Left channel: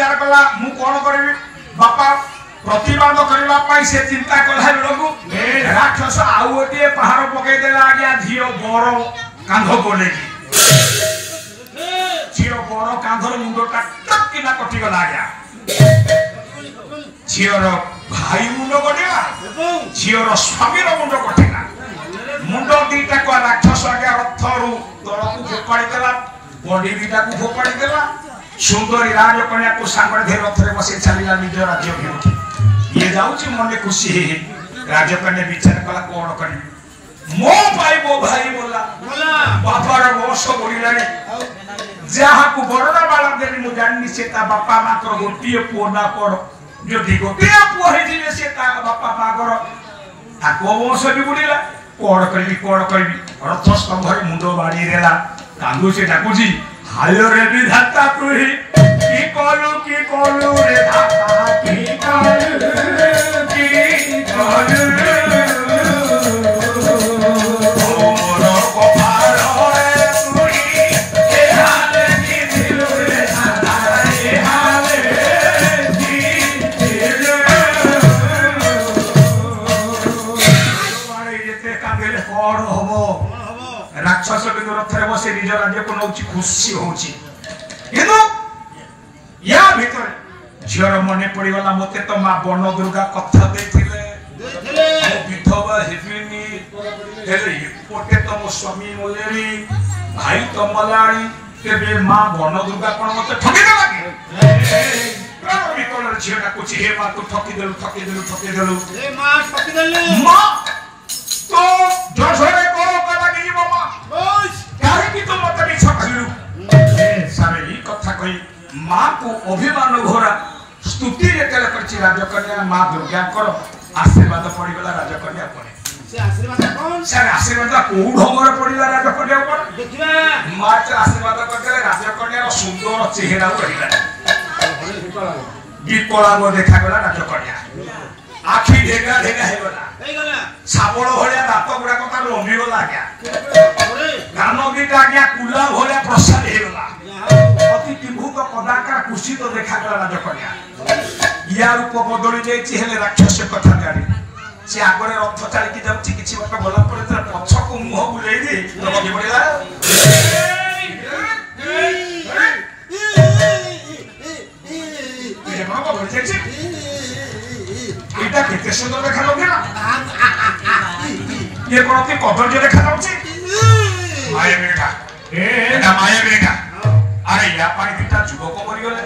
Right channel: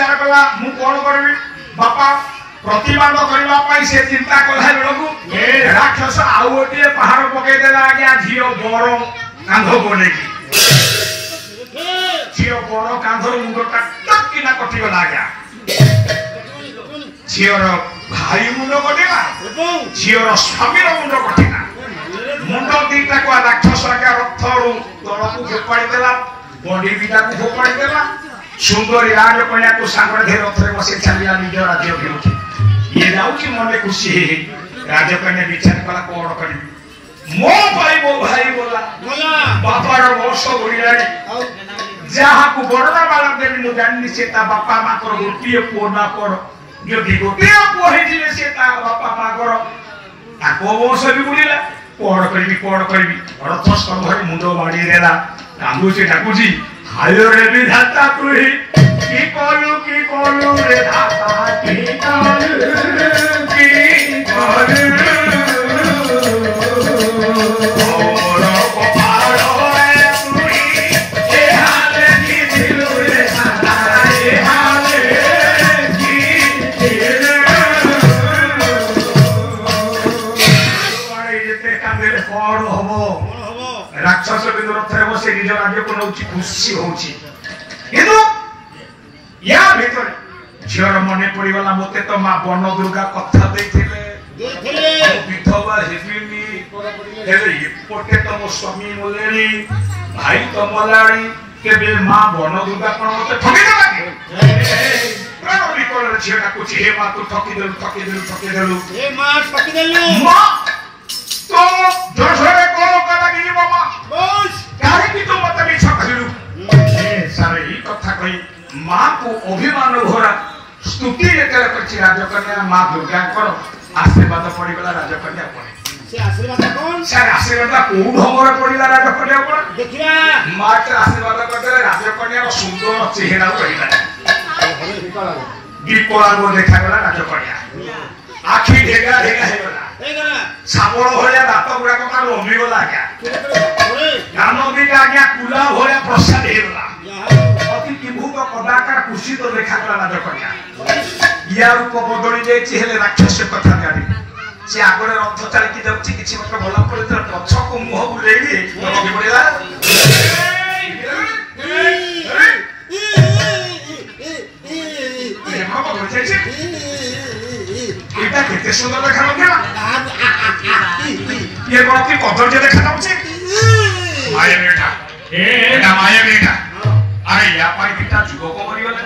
विचार कला मु कोन करबी बापा प्रतिबाद करबा से चिंता कला बेलू राक्षस आउ गोटे पहाड़ पकई देला आज्ञा झील बर कांध को लेकी झील बर कांधर मुंडटा टक्किना कटिगला आज्ञा झीर भाई मुंड कटिला झीर स्वामी मुंड कटिला मुंड दीटा को राक्षस आज्ञा रथरू तल को फोपाड़ी देला बॉडी दीटा को फोपाड़ी देला सुंदरी राजकन्या को सांगरे धे रथरे बसे चलिया निज राज्य भिमुखी ये जाउची मने खुशी हे राजकन्या विचार कला कोन करी मो भाई बोला बापार वर्ष बोलिलानी जहा को बड़दा बाला देली मु जाननी से ता बापा मा कर गोटिए पुओ ना कर जदि गोटिए पुओ हे दिले से ता बापा मा कर ताको वर्ष भी बोलिला कोन करबी रथ स्तंभर मुंडो बाड़ी देला कांदू से डाकुजी हायो रे विधाता तुही की कलु रे धाता की कलु और गोपाल होए तुही ए हाले की दिल रे धाता ए हाले की दिल बाड़ी जेते कांदेले कोन होबो राक्षस रथरे बसे निज राज्य को नौची खुशी होची किंतु या भीतर झीर मने पड़ीगला मते तो मां बन दुर्गा कथा देथिले विधवा हेबिनी हेले पोटे तो मो स्वामी मोलेरी भाई तो मलाणी केबे मां बन दुर्गा कोन मते ठगी देला के प्राण विकल झीटा कुछ हे मां तू ठगी देलु ए मां ठगी देलु मां तो जोशरे करो कला की मामा बस काहे की तुम मत भी छकलु सारे ही कथा कही मां को अभिमान घोरा स्तुति लेकर करछि राजकन्या मां दुर्गा करो आशीर्वाद पड़ीगला राजकन्या पड़े से आशीर्वाद कोन से आशीर्वाद को ढंगर पड़ीला राजकन्या पर देखिबा मां के आशीर्वाद करले राजकन्या रो सुंदर चेहरा रहिला विकला गो देखा गला राजकन्या आखी ढेगा हे गला साबळ भलिया दात गुडा का लंबी गला आज्ञा गान दीटा आज्ञा कुला भलिया प्रसाद हे गला अति किभूत कदाकार कुशित देखा गला राजकन्या या रूप बदली जाइछि हेले राक्षस कथा जानि से आगरे रथ चाली की जाउछि किछि मत बोला पड़े तो पछ को मुह बुलेई दे लगे पड़ेला ये मां बोल जाइछि এটা কেতে সুন্দর দেখা যাচ্ছে না ये कोन की कदर्य देखा जाउछि माया बेटा एटा माया बेटा अरे या पाई दिटा जुबक मरि गेले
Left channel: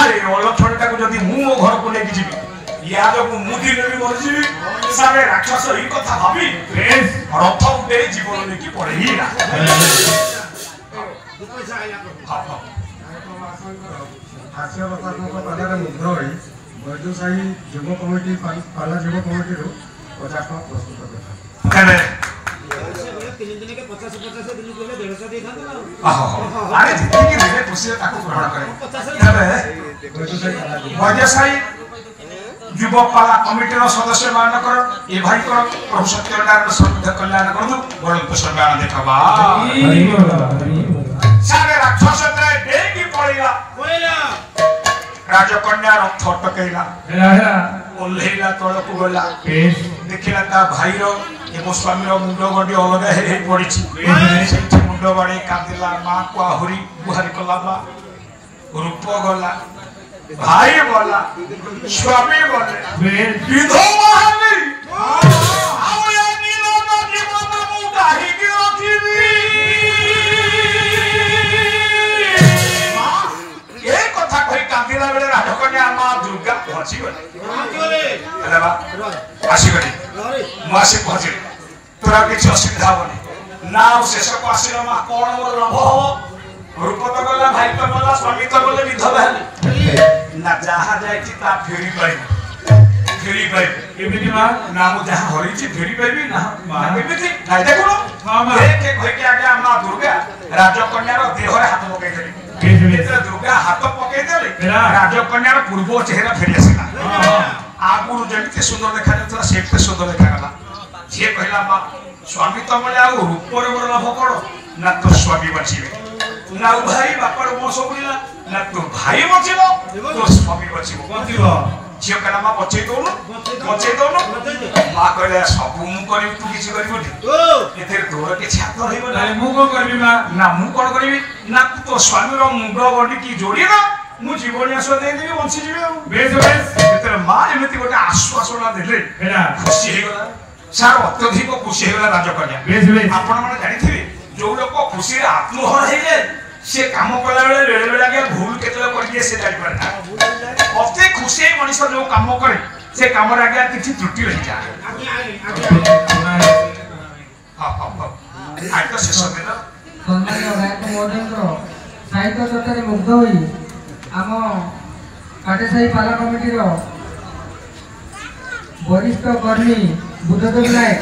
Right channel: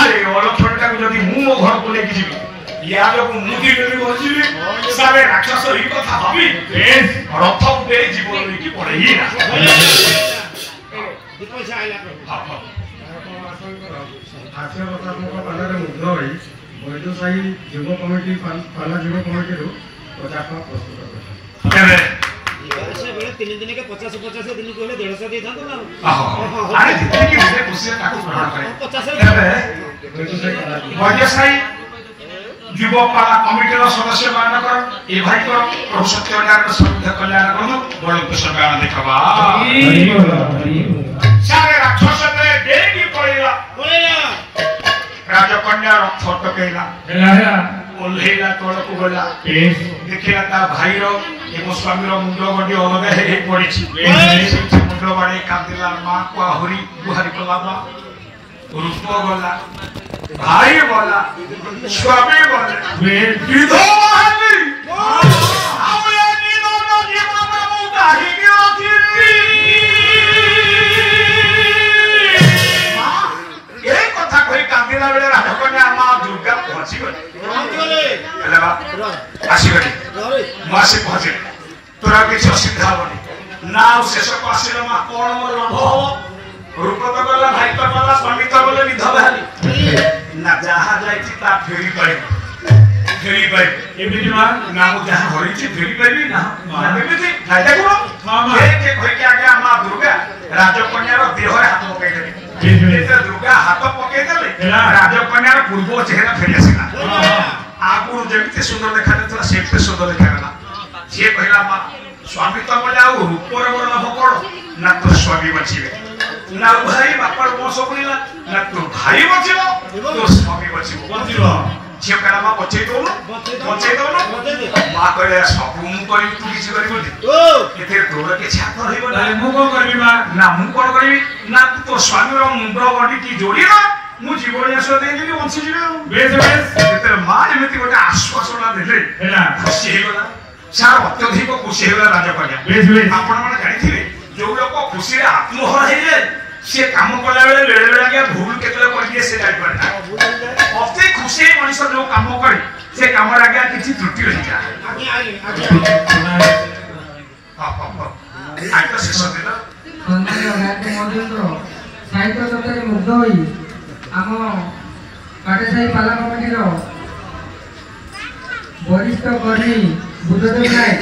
अरे ओलो छोटा को जदी मु मो घर को लेकी जीबी या जो मुदी लेबी बजिबी सारे राक्षस ही कथा भाबी रथ उडे जीवन लेकी पड़े ही ना पैसा आइला हां हास्य कथा को पालारे मुद्ध होई वैद्यशाही युव कमिटी पाला युव कमिटी 50 टका प्रस्तुत करे से बेले 3 दिन के 50 दिन कहले 150 दे थांतो ना अरे जितने की रे खुशी ताको ग्रहण करे 50 वैद्यशाही युव पाला कमिटी रो सदस्य मान कर ए भाई कर प्रभु सत्यनारायण समृद्ध कल्याण करदु बड़ कुशलगान देखबा सारे राक्षस ने डेगी पड़ेला राजकन्या रथ टकेला ओल्हेला तल को गला देखिला ता भाई रो एवं स्वामी रो मुंडो गडी अलग हे पड़िछि से मुंडो बाडे कांदिला मां को आहुरी बुहारी कला मां रूप गला भाई बोला स्वामी बोले विधवा हेबी आउ या नीलो न जीवन मु गाही की रखिली मां ए कथा कहि कांदिला बेले राजकन्या मां दुर्गा पहुंची गले अरे बा आसी गली मासी पहुंची तोरा किछ असुविधा होनी नाउ शेष को आसीला मां कोन मोर लाभ हो रूप तो गला भाई तो गला स्वामी तो गले विधवा हेली ना जहा जाइछि ता फेरी पाई एमिति मा नाम जहा होइछि फेरी पाइबी ना एमिति भाई देखो मामा के भई के आगे मां दुर्गा राजकन्या रो देह रे हाथ पकई देली दुर्गा हाथ पकई देली राजकन्या रो पूर्व चेहरा फेरी आसीला आगुरु जेमिति सुंदर देखा जातला सेते सुंदर देखा गला जे कहला मां स्वामी तो बोला रूप रे मोर लाभ करो ना तो स्वामी बचिबे ना भाई बापर वंश बुलिला ना तो भाई बचिबो तो स्वामी बचिबो झियो का मा बचै दोनु मा कहले सब मु करी तू किछ करी बोली एथे तोर के छात रहइबो ना मु कोन करबी मा ना मु कोन करबी ना तू तो स्वामी रो मुंड गडी की जोड़ी ना मु जीवन आस दे देबी वंशी जीवे बेस एते मा एमिति गोटे आश्वासन देले हेला खुशी हे गला सार अत्यधिक खुशी हे गला राजकन्या बेस आपण माने जानि थिबे जो लोक खुशी रे आत्महर हेले से काम कला बेले आगे भूल केतले करिए से जानि परना अति खुशी मनुष्य जो काम करे से काम रे आगे किछि त्रुटि रहि जा आइ तो शेष दिन सम्माननीय गायक महेंद्र साहित्य जगत मुग्ध होई आम काटेसाई पाला कमिटी रो वरिष्ठ कर्मी बुद्धदेव नायक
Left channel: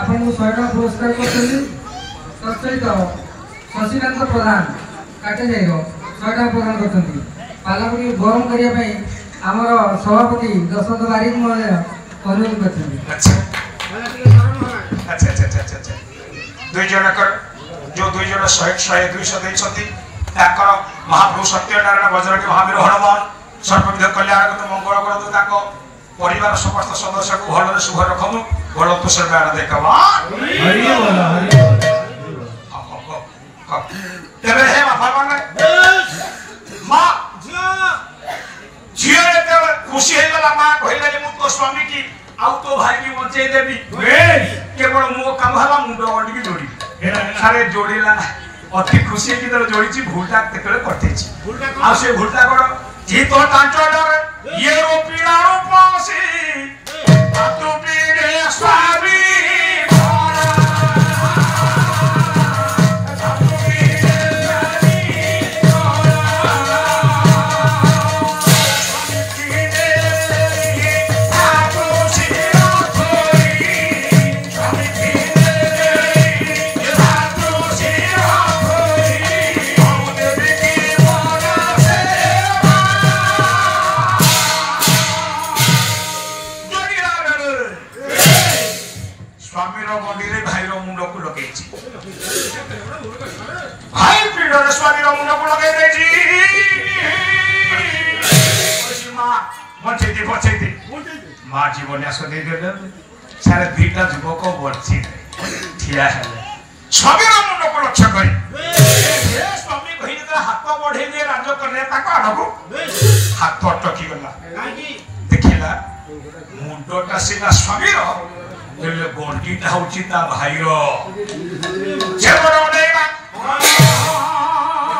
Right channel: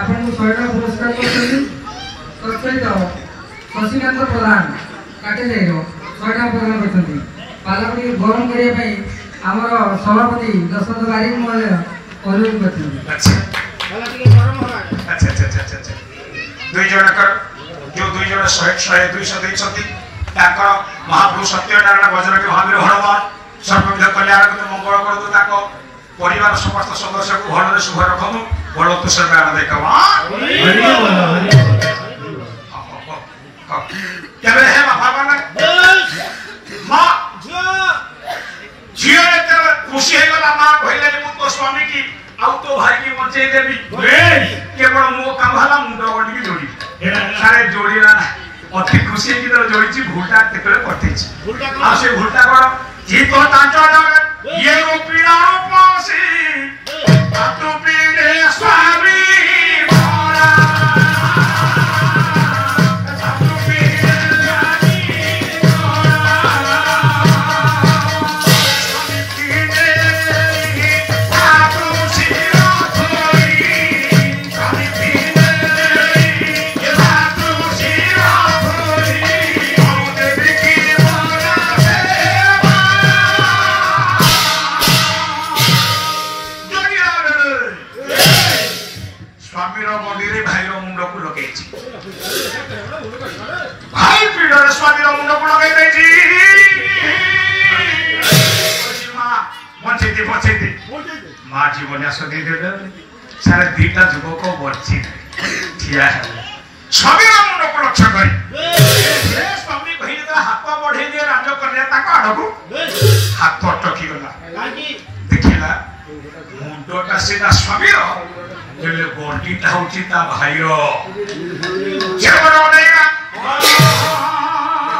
आपन को 100 टका पुरस्कार करछथि तत्सहित शशिकांत प्रधान काटेसाई रो 100 टका प्रदान करछथि पाला कमिटी गरम करिया पई हमर सभापति दशरथ बारिक महोदय अनुरोध करछथि अच्छा दुई जन कर जो दुई जन 100 200 दैछथि ताकर महाप्रभु सत्यनारायण भजन के महावीर हनुमान सर्वविध कल्याण को मंगल करदु ताको परिवार समस्त सदस्य को भल रे शुभ रखनु बड़ तो सब आनंद देखवा हरि बोल तबे हे बाबा माने मां झियो एते खुशी हे गला मां कहले जे मु तो स्वामी की आउ तो भाई की बचे देबी केवल मो काम हला मुंड गडी की जोड़ी सारे जोड़ीला अति खुशी की तरह जोड़ी भूलटा तेकले करते आ से भूलटा करो जी तो तांचड़ ये वो पीड़ा रूपासी आ तो पीड़े स्वामी भोला आ तो पीड़े स्वामी भोला स्वामी पीड़े आ तो शिरो कोई स्वामी पीड़े आ तो शिरो स्वामी रो मंदिर भाई रो मुंड को लगेछि भाई पीड़ रे स्वामी रो मुंड को लगे देछि मां बचेती मां जीवन आस दे दे सारे दीटा जुबक बरछि ठिया है स्वामी रो मुंड को लक्ष्य करी ए स्वामी कहि जे हाथ बढ़े जे राज करले ताको आडको हाथ अटकी गला देखिला मुंडटा सिना स्वामी रो ले गोटी ताउची ता भाईरो जेबरो देगा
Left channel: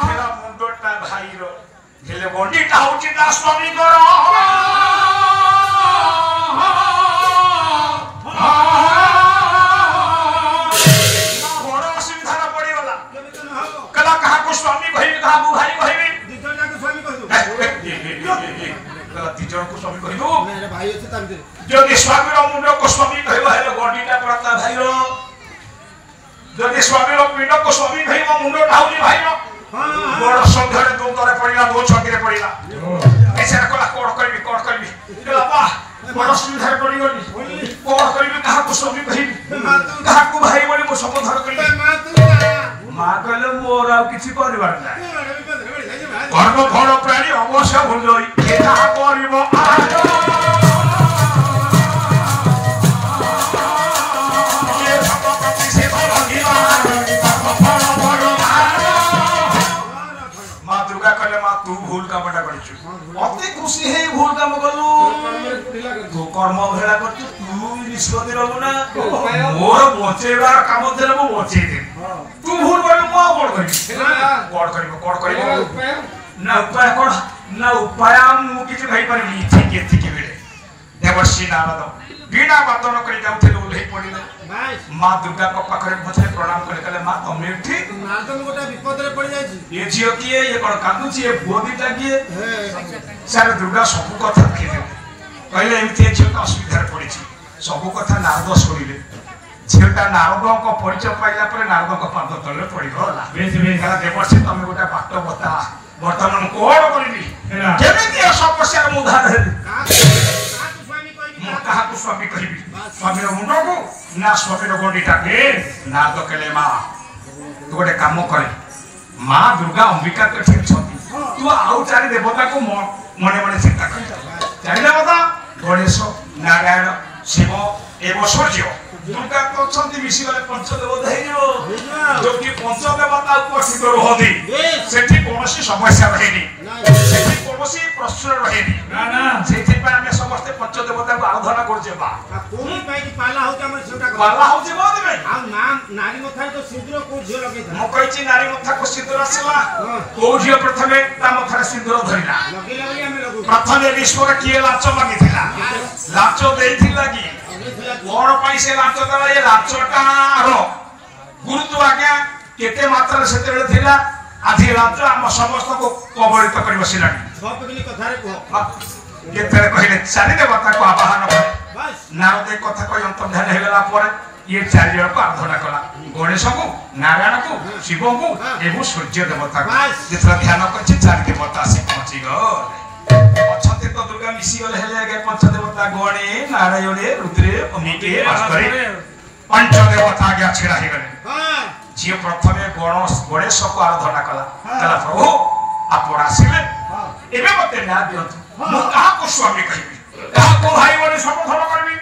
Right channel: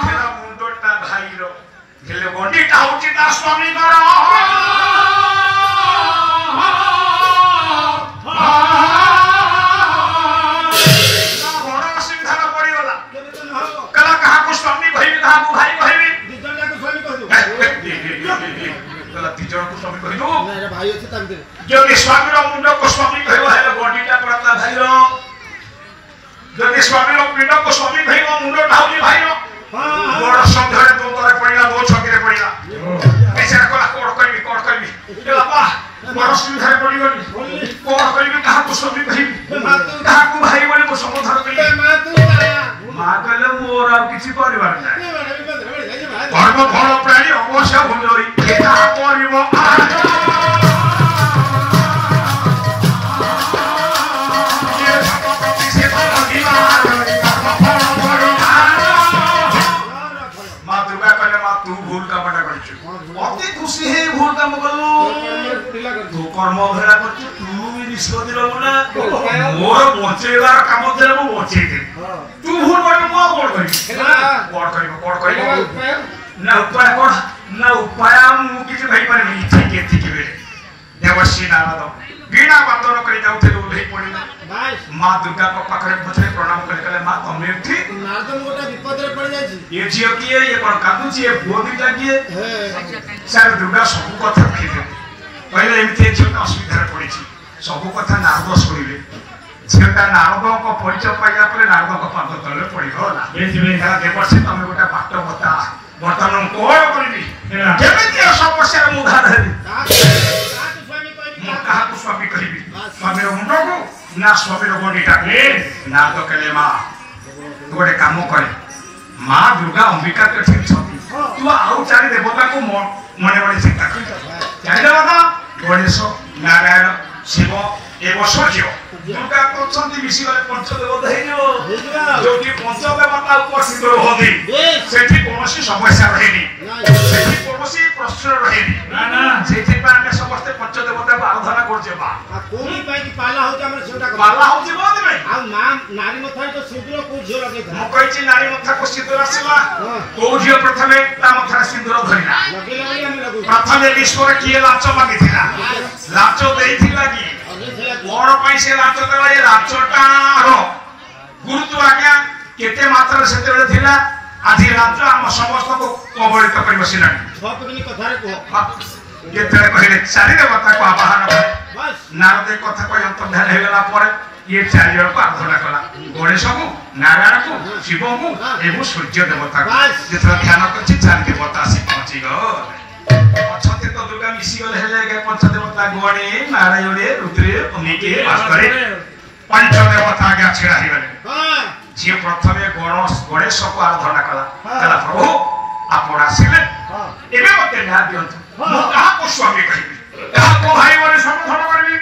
तेरा मुंडोटा भाईरो ले गोटी ताउची ता स्वामी करो ना बड़ो सुविधा पड़ी वाला कला कहा को स्वामी भाई कहा को भाई कहबी दिजन जाको स्वामी कह दो कला दिजन को स्वामी कह दो मेरे भाई अछि ताम जदि स्वामी रो मुंड को स्वामी कहबो हेले बॉडीटा परता भाईरो जदि स्वामी रो पिंड को स्वामी कहबो मुंड ढाउनी भाईरो बड़ संधरे दो तरे पड़िला दो छकरे पड़िला ऐसा कला कोड करबी ए बाबा बड़ सुविधा पड़ी गली कोड करबी कहा को स्वामी कहबी कहा को भाई बोली को संबोधन करी मां कहले मोर आ किछि परिवार ना धर्म फल प्राणी अवश्य भुलई एता करिवो तू भूल कामटा करछु अति खुशी हे भूल काम करलु तू कर्म भेला करछु तू निष्पत्ति रहू ना मोर बचेबार काम देले मो बचै दे तू भूल करलु मो कोड करिवो ना उपाय कोड ना उपाय मु किछि भाई परबी ठीक बेले देवश्री नारद बीना बंदन करि जाउथे ओले पडिला मां दुर्गा को पाखरे पछरे प्रणाम कले मां तमे ठीक नारदन गोटा विपद रे पड़ जाई छी ये जियो किए ये कोन कादु छी ये बोदी लागिए सारे दुर्गा सब कथा लिखिले पहिले एमते छियो असुविधा पड़ी छी सब कथा नारद सुनिले झियोटा नारद को परिचय पाइला परे नारद को पाद तले पड़िबो ना बेसी देवश्री तमे गोटा बाट बता वर्तमान कोड करबी केमिति समस्या मुधा धरि कहा को स्वामी कहबी स्वामी मुंड को ना स्वामी गोडीटा के ना तो केले मां तू गोटे काम करे माँ दुर्गा अंबिका तो ठीक छथि तू आउ चारि देवता को मने मने चिंता कर चारि देवता गणेश नारायण शिव एवं सूर्य दुर्गा तो छथि मिसी गले पंचदेवता हेइयो जोटी पंचदेवता उपस्थित रहथि सेठी कोनोसी समस्या रहेनी सेठी कोनोसी प्रश्न रहेनी ना ना सेठी पा ଆମେ ସମସ୍ତେ पंचदेवता को आराधना करजे बा कोनी पाई कि पाला होचे हमर सेवटा पाला होजे बहुत में आ नाम नारी मथा तो सिंदूर को झियो लगे था म कहिछि नारी मथा को सिंदूर आसला को झियो प्रथमे ता मथा सिंदूर धरिला लगे लगे हम लगु प्रथमे ईश्वर किए लाच मागिथिला लाच देइथिला कि कोन पाई से लाच देला ये लाचटार गुरुत्व आज्ञा केते मात्रा सेते बेले थिला आधी लाच हम समस्त को कबलित करि बसिलानी छपकनी कथा रे को केते कहले चारि देवता को आवाहन करे बस नारद कथा कहि अंतर्धान हे गेला पर ये चारि जन को आराधना कला गणेश को नारायण को शिव को एवं सूर्य देवता को जेतरा ध्यान करछि चारि देवता से पहुंची गले अछते तो दुर्गा मिसी गले हेले के पंच देवता गणे नारायण रुद्र अमिके वास्तरे पंच देवता आगे छिड़ा हे गले हां जे प्रथमे गणेश को आराधना कला कला प्रभु आपण आसिले एबे मते न्याय दियंतु मु कहा को स्वामी कहिबी कहा को भाई बोले समर्थन करबी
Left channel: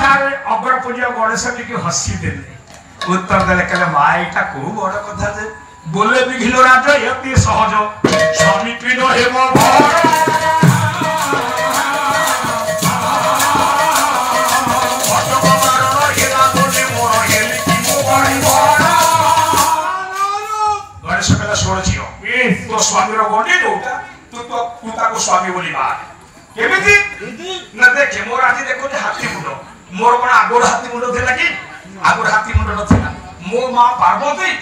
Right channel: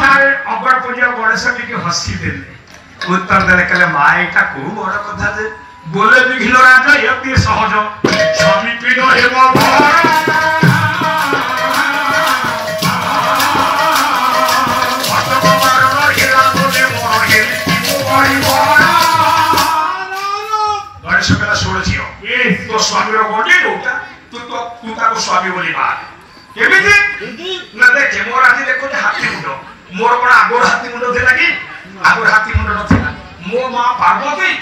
सारे अगर पूजा गणेश टिके हसी देले उत्तर देले कले माईटा को बड़ कथा जे बोले विघ्न राजा यति सहज स्वामी पिनो हेमो घर गणेश कहला सोड़ जियो तो स्वामी रो गोडी लोटा तू ताको स्वामी बोली बात केमिति न देखे मोर आखि देखो जे हाथी मुंडो मोर कोन आगोर हाथी मुंडो थिला कि आगोर हाथी मुंडो न थिला मो मां पार्वती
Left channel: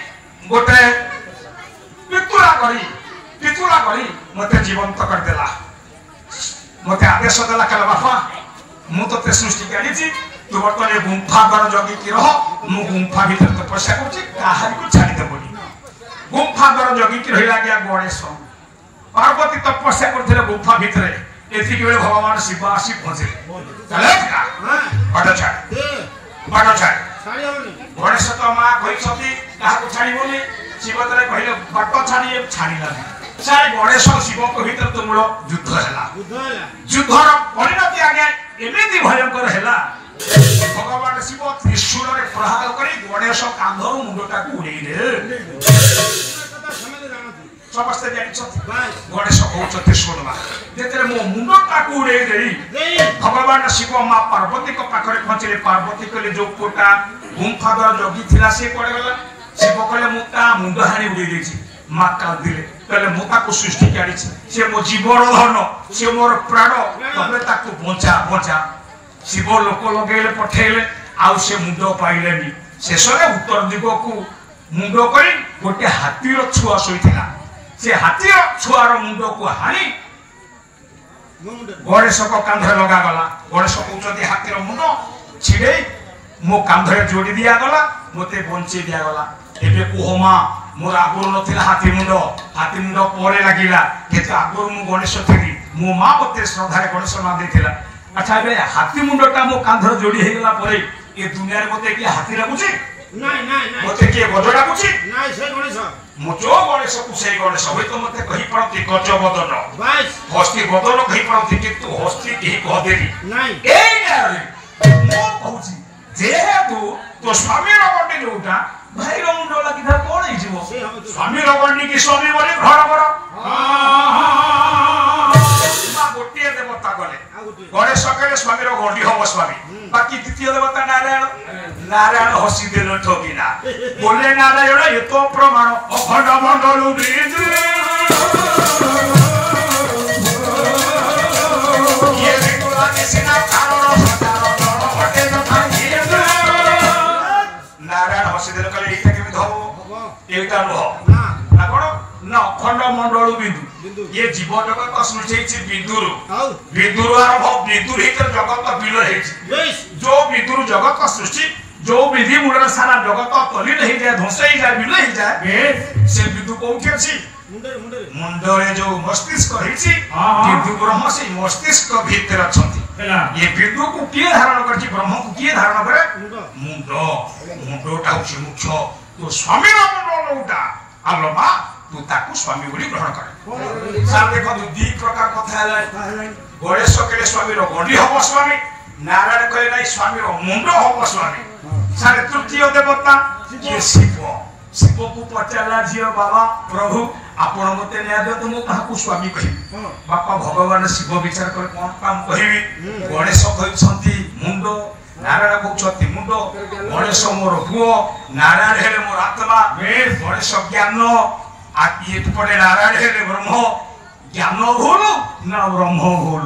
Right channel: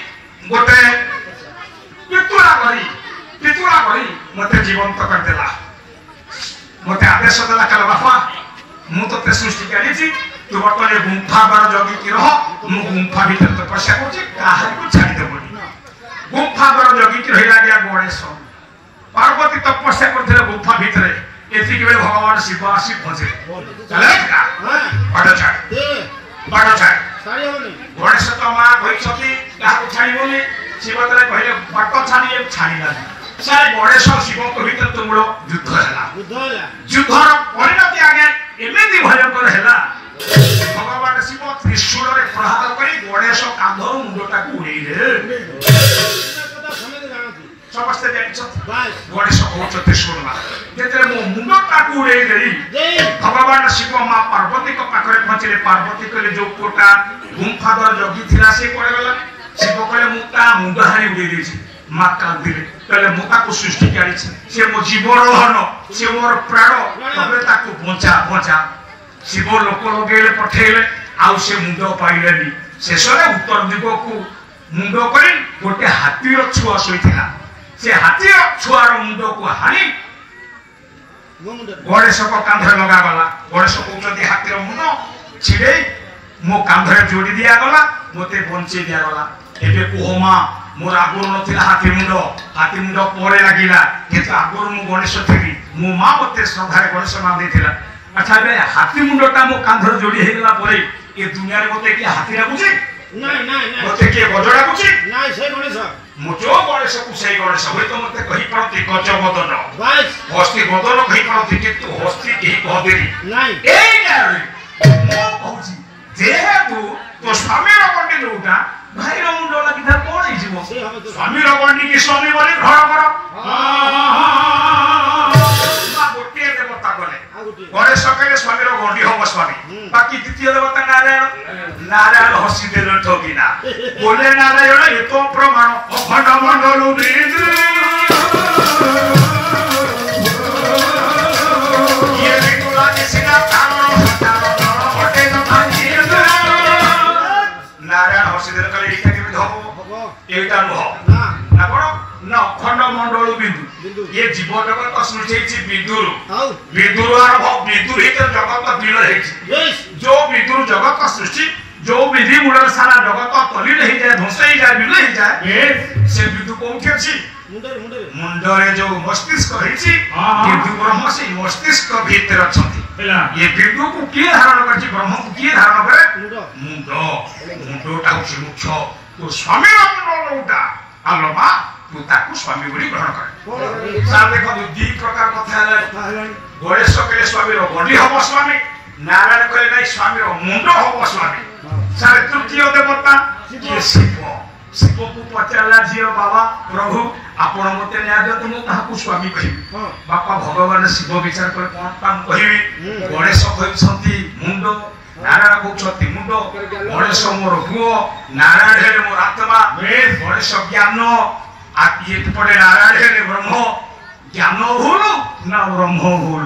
गोटे पितुला करी मते जीवंत कर देला मते आदेश देला कला बापा मु तो ते सृष्टि करी छी तू बर्तने गुंफा बार जगी की रह मु गुंफा भीतर तो तपस्या करछि काहे को छाड़ी देबोनी गुंफा बार जगी की रहिला गया गणेश पार्वती तपस्या करथिले गुंफा भीतर एथि के भगवान शिव आसी पहुंचे चले का बड़ छाड़ सारी होनी गणेश तो मां कहि छथि काहा को छाड़ी बोली शिव तले कहले बाट छाड़ी लागी सारे गणेश शिव को भीतर तो मूल युद्ध है युद्धर परिणति आगे एमेदी भयंकर है भगवान शिव त्रिशूल रे प्रहार करी गणेश कांधर मुंडटा को उड़ेई रे समस्त जानि छ गणेश को त्रिशूल मा जेतरे मो मुंडटा को उड़ेई रे भगवान शिव मां पार्वती को पाखरे पहुंचले पार्वती कहले जो कोटा गुंफा द्वार जगी थिला से कोड़े गला शिव कहले मुता मुंड हानी उड़ेई देछि मां कांदिले कहले मुता को सृष्टि करी से मो जीवन धन से मोर प्राण तबे ताको बचा शिव लोक लगेले पठेले आउ से मुंड पाइलेनी शेषरे उत्तर दिग को मुंड करी गोटे हाथीर छुआ सोइथिला से हाथीर छुआर मुंड को हानी गणेश को कांधरे लगा गला गणेश कहउछथि हाथीर मुंड छिड़े मो कांधरे जोड़ी दिया गला मोते बंचे दिया गला एबे कोहमा मोर आगुर नथिला हाथी मुंड परे लागिला केते आगुर मु गणेश थेली मो मां मते श्रद्धारे गणेश नाम देथिला अच्छा बे हाथी मुंडटा मो कांधर जोड़ी हे गेला परे ए दुनिया रे मते के हाथी लागुची नहीं मते के गजडा कुची नहीं से गणेश मो जो गणेश को से गणेश होय तो मते कहि पड़ती गज बदन बस हस्ती बदन कहि पड़ती किंतु हस्ती के कहदेली नहीं ए नारे मो कहूची जेहेतु तो स्वामी रो बंडी लोटा भाई रो मुंड लागी था कोन हे जीवो स्वामी रो बंडी की स्वामी बोली घर घर मा गोटे देवता गले गणेश कहले स्वामी रो गंडी हो स्वामी बाकी द्वितीय देवता नारायण हसी देलो ठोकिना बोले नारायण ये तो प्रमाण अखंड मंडल बिंदु ये बिगुला किसना कारण सतारण हटे न भांगी नारायण हसी देलो कहले एटा केबे धबो एटा नुह ना कोन ना अखंड मंडल बिंदु ये जीव जगत सृष्टि विदुर आरंभ विदुर हितर जगत विलय है जो विदुर जगत सृष्टि जो विधि मूल सारा जगत तली नहीं जाए ध्वंस ही जाए विलय ही जाए से विदु कोठी अछि मुंडरे जो मस्तिष्क रहिछि विदु ब्रह्म से मस्तिष्क भीतर अछंती ये विदु को किए धारण करछि ब्रह्म को किए धारण करे मुंडटा होछि मुख्य ତୁ ସ୍ୱାମୀର ମୁଣ୍ଡ ଉଠା ଆଲୋ ମା ତୁ ତାକୁ ସ୍ୱାମୀ ବୋଲି ଗ୍ରହଣ କରେ। ସାର୍ ଦେଖନ୍ତୁ ଦି ପ୍ରକାର କଥା ହେଲାଣି। ଗଣେଶ କହିଲେ ସ୍ୱାମୀର ଗଣ୍ଡି ହବ ସ୍ୱାମୀ, ନାରାୟଣ କହିଲେ ନାଇଁ ସ୍ୱାମୀର ମୁଣ୍ଡ ହବ ସ୍ୱାମୀ। ସାର୍ ତୃତୀୟ ଦେବତା କିଏ ଶିବ। ଶିବକୁ ପଚାରିଲା ଝିଅ ବାବା ପ୍ରଭୁ ଆପଣ ମତେ ନ୍ୟାୟ ଦିଅନ୍ତୁ ମୁଁ କାହାକୁ ସ୍ୱାମୀ କହିବି। ବାପା ଭଗବାନ ଶିବ ବିଚାର କରି କଣ କାମ କହିବି। ଗଣେଶ କହିଛନ୍ତି ମୁଣ୍ଡ, ନାରାୟଣ କହୁଛନ୍ତି ମୁଣ୍ଡ। ଗଣେଶ ମୋର ପୁଅ, ନାରାୟଣ ହେଲେ ମୋର ଆତ୍ମା। ଗଣେଶ ଜ୍ଞାନ ଏପଟେ ନାରାୟଣ ହେଲେ ବ୍ରହ୍ମ। ଜ୍ଞାନ ଭୁଲ ନା ବ୍ରହ୍ମ ଭୁଲ?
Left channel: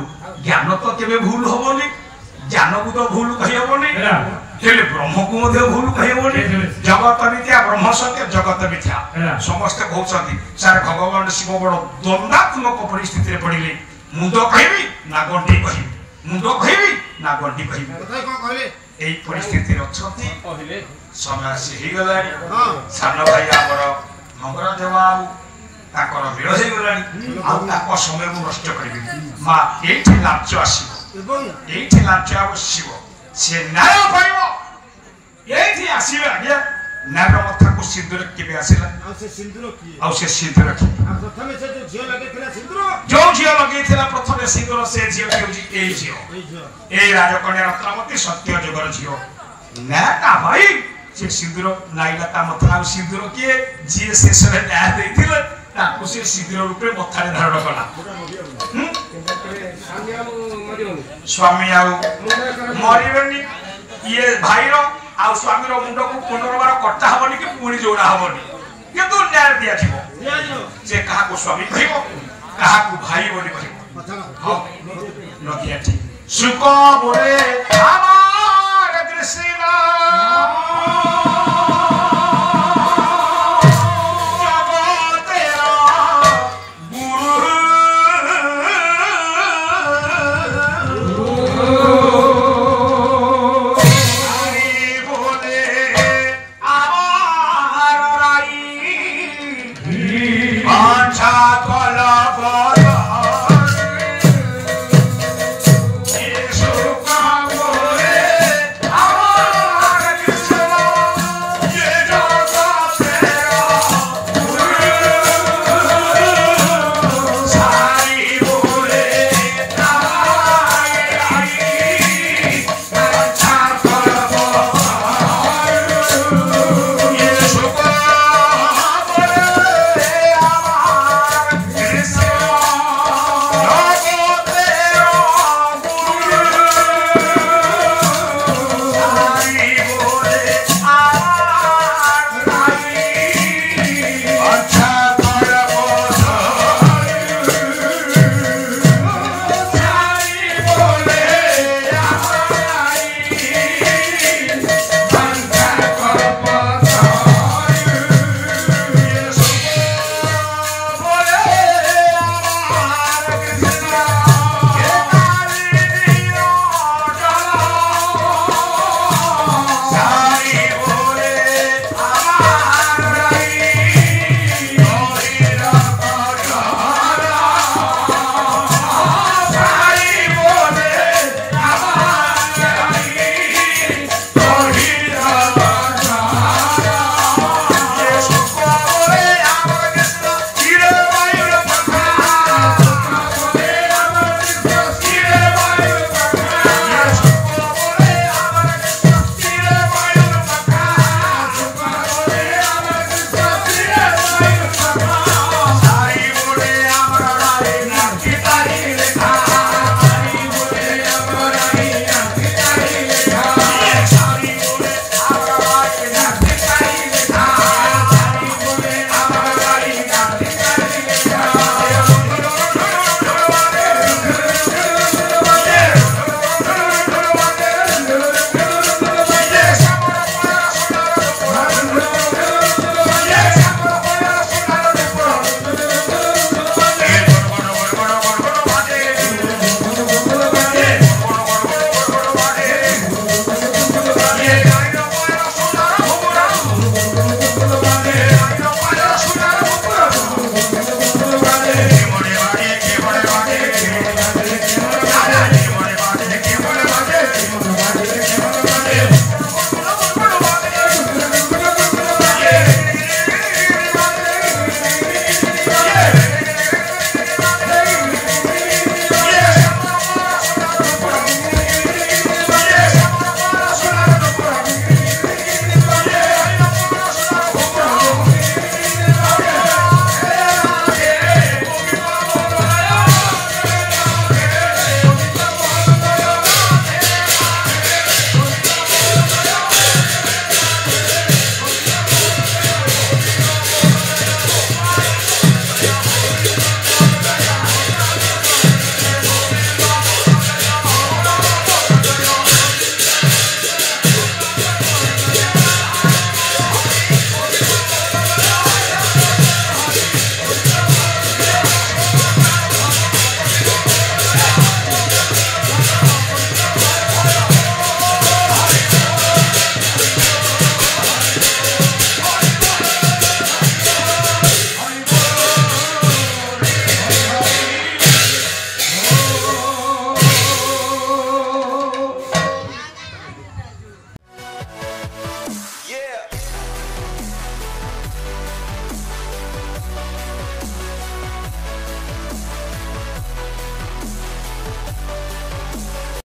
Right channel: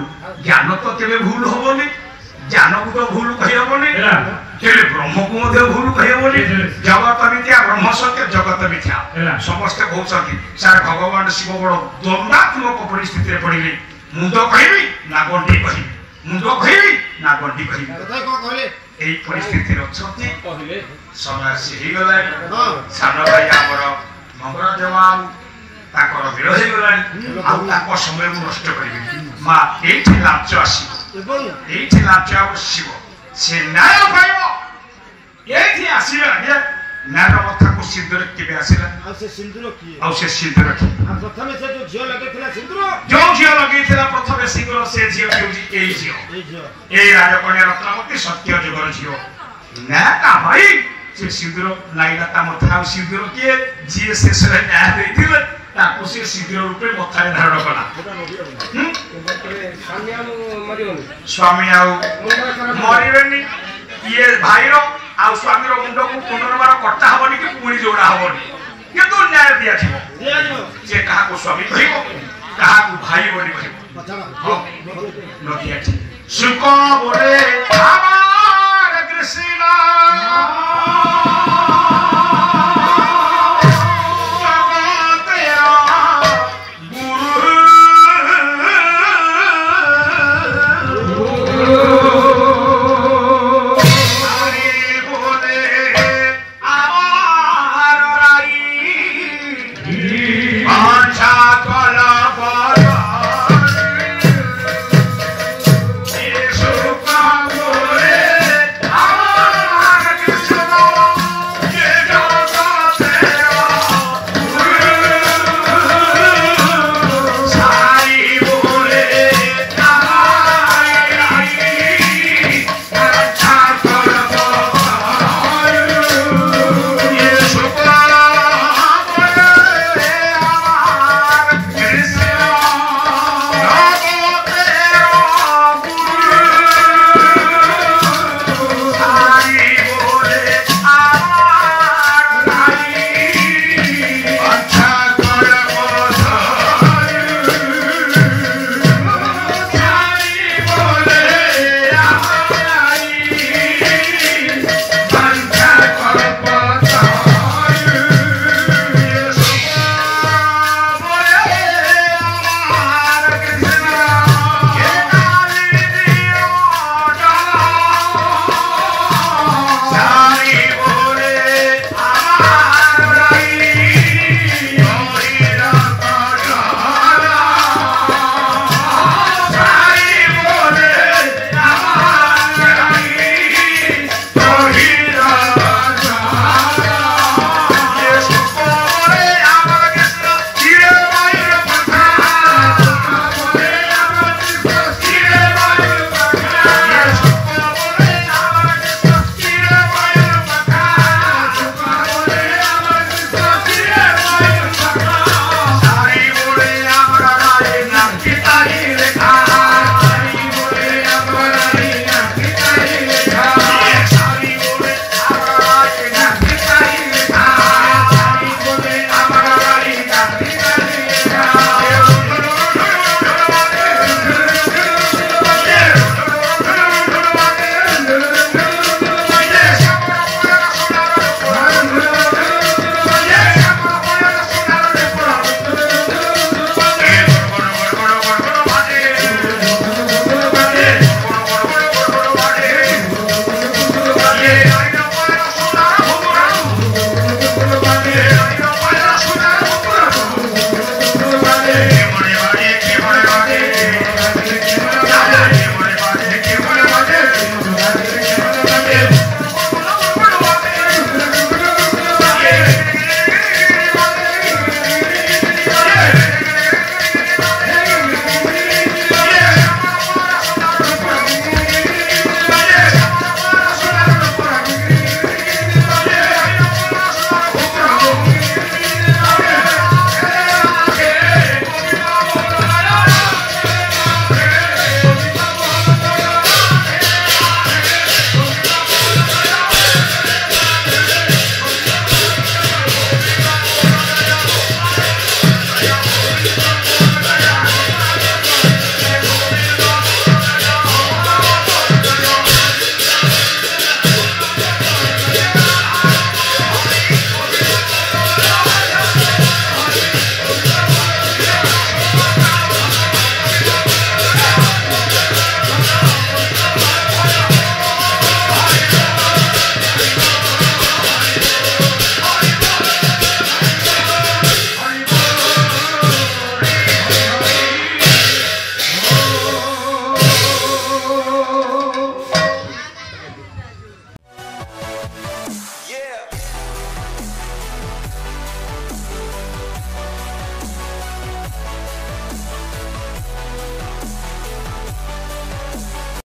ଜ୍ଞାନ ତ କେବେ ଭୁଲ ହବନି, ଜ୍ଞାନକୁ ତ ଭୁଲ କହିହବନି, ହେଲେ ବ୍ରହ୍ମକୁ ମଧ୍ୟ ଭୁଲ କହିହବନି। ଜଗତ ମିଥ୍ୟା ବ୍ରହ୍ମ ସତ୍ୟ, ଜଗତ ମିଥ୍ୟା ସମସ୍ତେ କହୁଛନ୍ତି। ସାର୍ ଭଗବାନ ଶିବ ବଡ ଦ୍ୱନ୍ଦାତ୍ମକ ପରିସ୍ଥିତିରେ ପଡିଲେ। ମୁଣ୍ଡ କହିବି ନା ଗଣ୍ଡି କହିବି, ମୁଣ୍ଡ କହିବି ନା ଗଣ୍ଡି କହିବି, এই ପରିସ୍ଥିତିରେ ଅଛନ୍ତି। ସମୟ ଆସି ହେଇଗଲାଣି। ସାନ ଭାଇ ଆମର ମଙ୍ଗଳଦେବ ଆଉ ତାଙ୍କର ବିଳ ହେଇଗଲାଣି। ଆଉ ତାଙ୍କ ସମୟ ମୁଁ ନଷ୍ଟ କରିବିନି। ମା ଏଇଠି ଲାଞ୍ଚ ଆସିବ, ଏଇଠି ଲାଞ୍ଚ ଆସିବ, ସେ ନ୍ୟାୟ ପାଇବ। ଏଇଠି ଆସିବେ ଆଜ୍ଞା ନ୍ୟାୟ କଥାକୁ ସିନ୍ଦୁର କେବେ ଆସିଲା? ଆଉ ସେ ସିନ୍ଦୁର କିଏ? ପ୍ରଥମେ ସେ ଯୋଉ ଝିଅ ଲଗେଇଥିଲା ସିନ୍ଦୁର, ଯୋଉ ଝିଅ ଲଗେଇଥିଲା ପ୍ରଥମେ ସିନ୍ଦୁର, ସେ ଝିଅ ହେଉଛି ଏଇ ଝିଅ, ଏଇ ରାଜକନ୍ୟା ରତ୍ନବତୀ ସତ୍ୟ ଯୁଗର ଝିଅ। ନା ତା ଭାଇ ସେ ସିନ୍ଦୁର ଲାଗିଲା ତା ମଥା। ଆଉ ସିନ୍ଦୁର କିଏ? ଯିଏ ଶେଷରେ ନ୍ୟାୟ ଦେଇଥିଲେ ତାକୁ ସେ ସିନ୍ଦୁର ରୂପେ ମଥାରେ ଧାରଣ କଲା। ସ୍ୱାମୀ ଆଉ ମରିବେନି। ଇଏ ଭାଇର ଆଉ ସ୍ୱାମୀର ମୁଣ୍ଡକୁ ପୁନର୍ବାର କଟା ହବନି କି ପୁଣି ଯୋଡା ହବନି, କିନ୍ତୁ ନ୍ୟାୟ ଦିଆଯିବ। ଯେ କାହାକୁ ସ୍ୱାମୀ କହିବ, କାହାକୁ ଭାଇ ବୋଲି କହିବ। ନଦିଆଠି ସୁକ ବୋଲେ ଆମର କୃଷ୍ଣ